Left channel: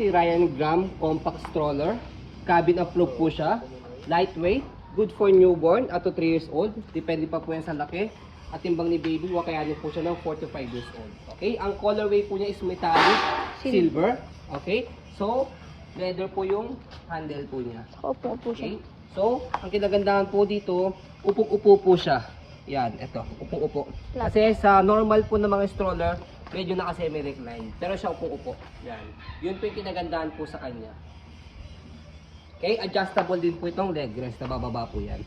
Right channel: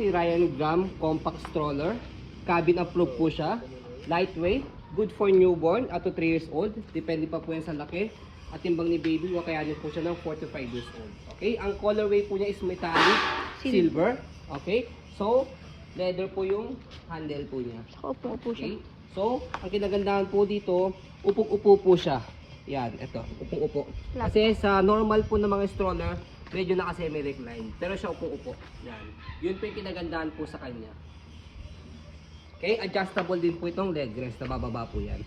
si Ryan Gram Compact Stroller. Cabin approved po siya. Lightweight. Good for newborn up to 3 years old. Depende pa po yan sa laki. At timbang ni baby, wakayanin po siya ng 4 to 5 years old. Okay? Ang colorway po niya is metallic silver. Okay? So, leather po yung handle po niya. Opo po siya. Okay? So, ang kinagandahan po dito, upong-upo po siya. Yan, ito, upong-upo. Kasi sa normal po ng mga stroller, medyo naka-semi-recline. Pero siya upong-upo. Yan. Yun po yung kinagandahan po sa kanya. Okay, adjustable din po itong leg rest na bababa po yan.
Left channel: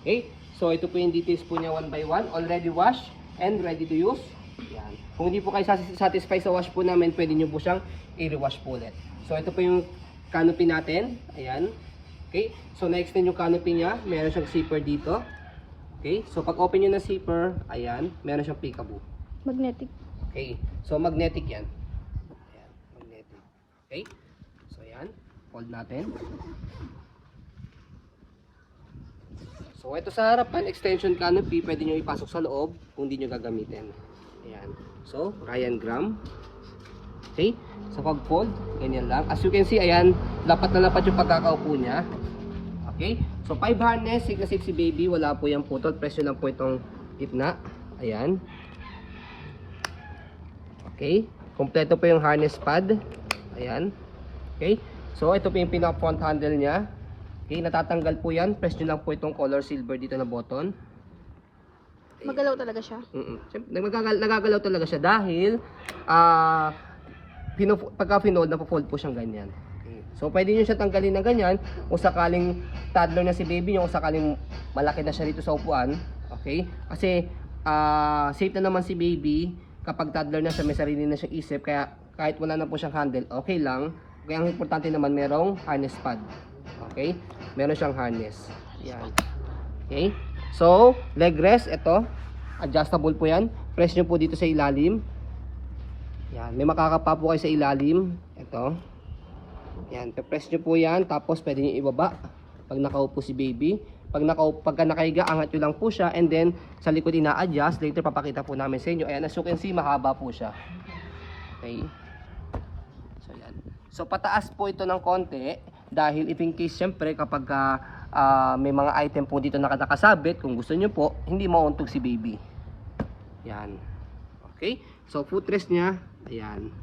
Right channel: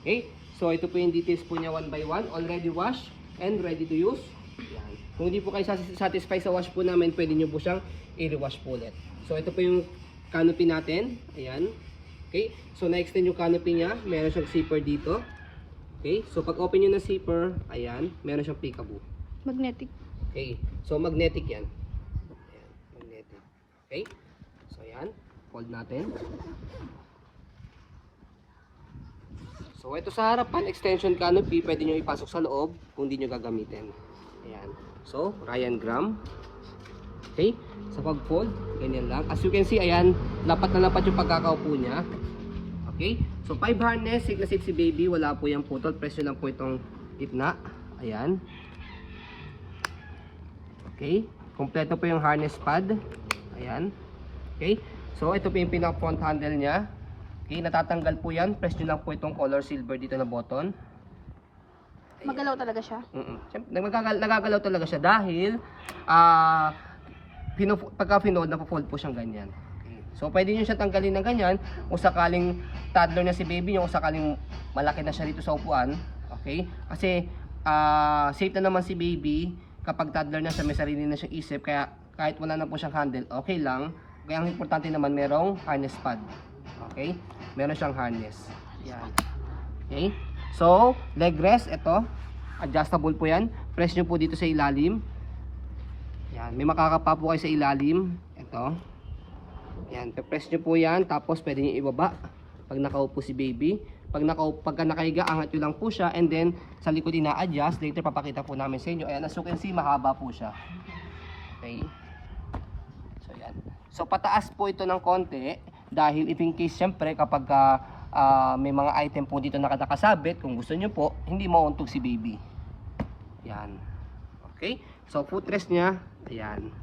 Okay, so ito po yung details po niya one by one. Already washed and ready to use. Yan. Kung hindi po kayo satisfied sa wash po namin, pwede nyo po siyang i-rewash po ulit. So ito po yung canopy natin. Ayan. Okay, so na-extend yung canopy niya. Meron siyang zipper dito. Okay, so pag open nyo na zipper, ayan, meron siyang peekaboo. Magnetic. Okay, so magnetic yan. Ayan, magnetic. Okay, so ayan. Hold natin. So ito sa harapan, extension canopy, pwede nyo ipasok sa loob kung hindi nyo gagamitin. Ayan. So, Ryan Gram. Okay. Sa pag-fold, ganyan lang. As you can see, ayan, lapat na lapat yung pagkakaupo niya. Okay. So 5 harness, safe na safe si baby. Wala po yung putol. Presyo lang po itong gitna. Ayan. Okay. Kompleto po yung harness pad. Ayan. Okay. So, ito po yung pinaka-front handle niya. Okay, natatanggal po yan. Press nyo lang po itong color silver dito na button. Okay. Magalaw talaga siya. Nagagalaw talaga siya dahil pagka finold, napo-fold po siyang ganyan. Okay. So, pwede nyo siya tanggalin na ganyan kung sakaling toddler na si baby, kung sakaling malaki na siya dito sa upuan. Okay? Kasi, safe na naman si baby kapag toddler na siya, may sarili na siya isip. Kaya, kahit wala na po siyang handle, okay lang. Kaya ang importante naman merong harness pad. Okay? Meron siyang harness. Yan. Okay? So, leg rest, ito. Adjustable po yan. Press nyo po dito sa ilalim. Yan. May makakapa po kayo sa ilalim. Ito. Yan. Press nyo po yan. Tapos pwede nyo ibaba. Pag nakaupo si baby. Pagka nakahiga, angat nyo lang po siya. And then, sa likod ina-adjust. Later, papakita po namin sa inyo. Ayan, as you can see, mahaba po siya. Okay? So pataas po ito ng konti dahil if in case syempre kapag may mga item po dito na nakasabit, kung gusto nyo po, hindi mauntog si baby. Yan. Okay? So footrest niya, ayan.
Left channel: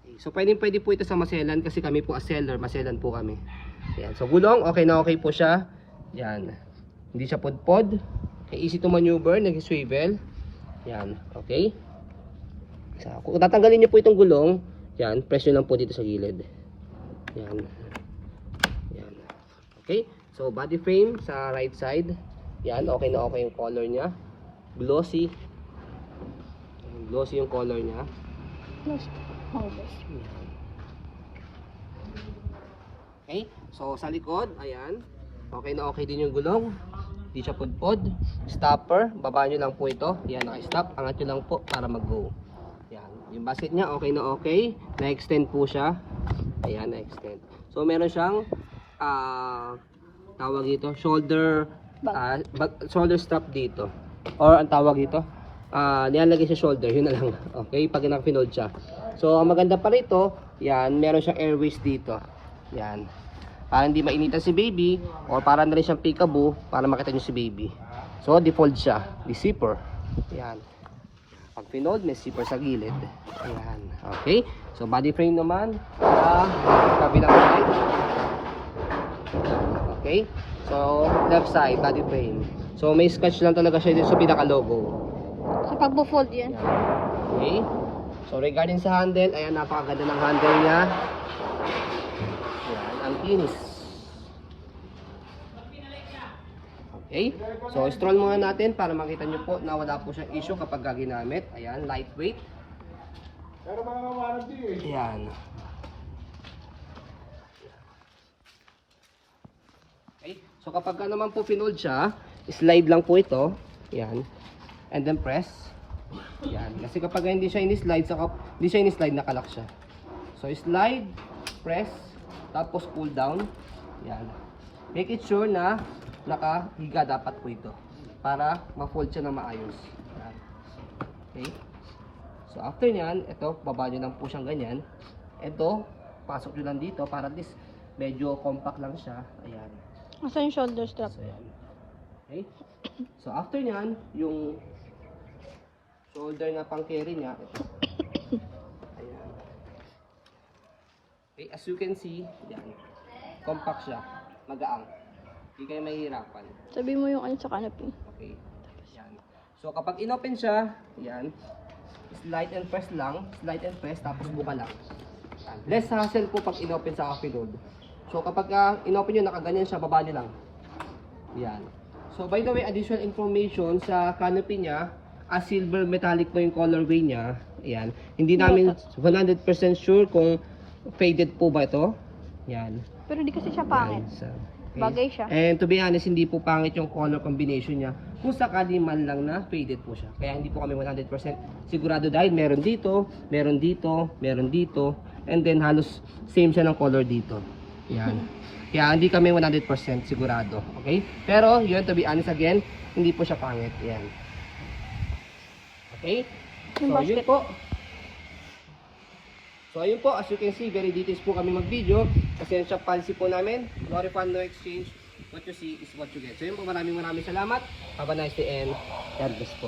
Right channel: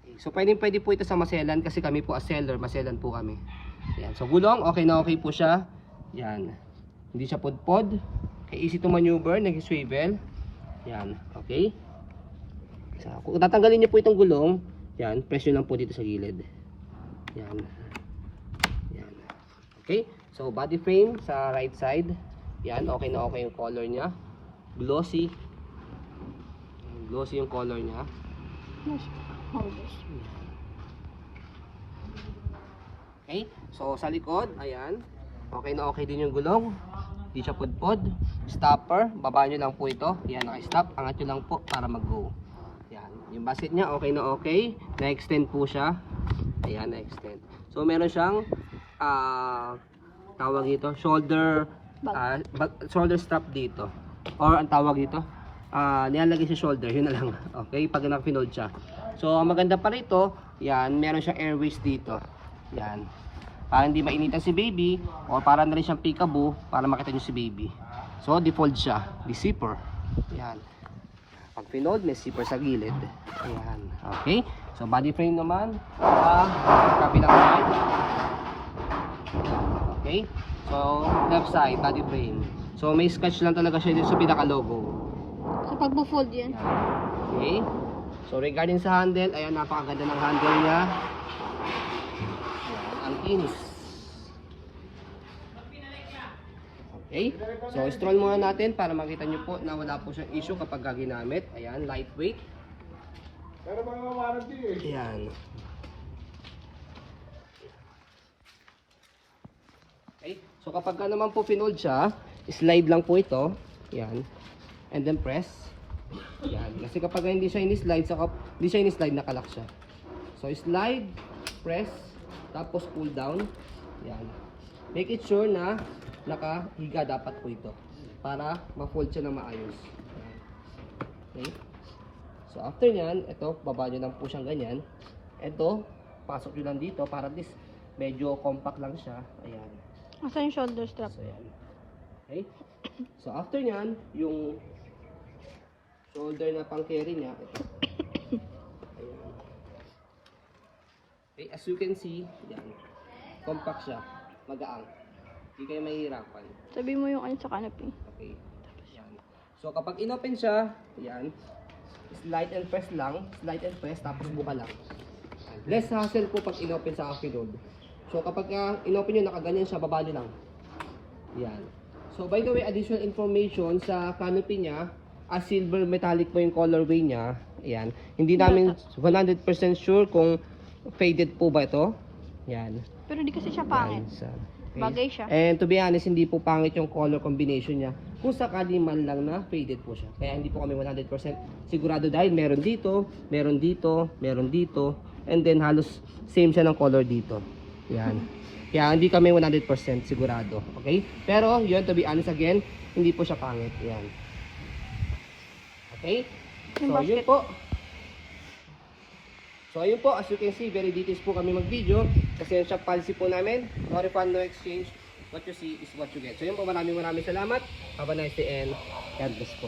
Okay. So pwede po ito sa maselan kasi kami po as seller, maselan po kami. Ayan. So gulong, okay na okay po siya. Yan. Hindi siya pudpod. Okay, easy to maneuver, nag-swivel. Yan. Okay? So, kung tatanggalin niyo po itong gulong, yan, press nyo lang po dito sa gilid. Yan. Yan. Okay. So, body frame sa right side. Yan, okay na okay yung color niya. Glossy. Glossy yung color niya. Okay. So, sa likod, ayan. Okay na okay din yung gulong. Hindi siya pudpod. Stopper, baba nyo lang po ito. Yan, naka-stop. Angat nyo lang po para mag-go. Yan. Yung basket niya, okay na okay. Na-extend po siya. Ayan, na-extend. So, meron siyang tawag dito, shoulder strap dito. Or ang tawag dito, nilalagay sa shoulder, yun na lang. Okay, pag naka-finold siya. So, ang maganda pa rito, yan, meron siyang airways dito. Yan. Para hindi mainitan si baby, or para na rin siyang peekaboo, para makita niyo si baby. So, default siya. The zipper. Yan. Pag finold, may zipper sa gilid. Ayan. Okay. So, body frame naman. Kabilang side. Okay. So, left side, body frame. So, may scratch lang talaga siya dito sa pinaka-logo. Kapag bu-fold yan. Okay. So, regarding sa handle, ayan, napakaganda ng handle niya. Ayan, ang kinis. Okay, so stroll muna natin para makita nyo po na wala po siyang issue kapag ginamit. Ayan, lightweight. Ayan. Okay, so kapag naman po finold siya, slide lang po ito. Ayan. And then press. Ayan. Kasi kapag hindi siya in-slide, nakalak siya. So slide, press, tapos pull down. Ayan. Make it sure na nakahiga dapat po ito para ma-fold siya na maayos. Okay. So after nyan, ito, baba nyo lang po siyang ganyan. Ito, pasok nyo lang dito para at least medyo compact lang siya. Ayan. Asan yung shoulder strap? So, ayan. Okay? So, after nyan, yung shoulder na pang carry niya, ito. Ayan. Okay, as you can see, ayan. Compact siya. Magaang. Hindi kayo mahihirapan. Sabi mo yung ano sa canopy. Okay. Ayan. So, kapag inopen siya, ayan, slide and press lang. Slide and press, tapos buka lang. Ayan. Less hassle po pag inopen sa offload. So, kapag inopen nyo, nakaganyan siya, babali lang. Ayan. So, by the way, additional information sa canopy niya, silver metallic po yung colorway niya. Ayan. Hindi namin 100% sure kung faded po ba ito. Ayan. Pero di kasi siya pangit. Ayan. So, okay. Bagay siya. And to be honest, hindi po pangit yung color combination niya. Kung sakali man lang na faded po siya. Kaya hindi po kami 100% sigurado dahil meron dito, meron dito, meron dito, and then halos same siya ng color dito. Yan. Kaya hindi kami 100% sigurado. Okay? Pero yun, to be honest again, hindi po siya pangit. Yan. Okay? So yun po. So ayun po, as you can see, very details po kami mag-video. Kasi yan siya policy po namin. No refund, no exchange. What you see is what you get. So yun po, maraming salamat. Have a nice day and God bless po.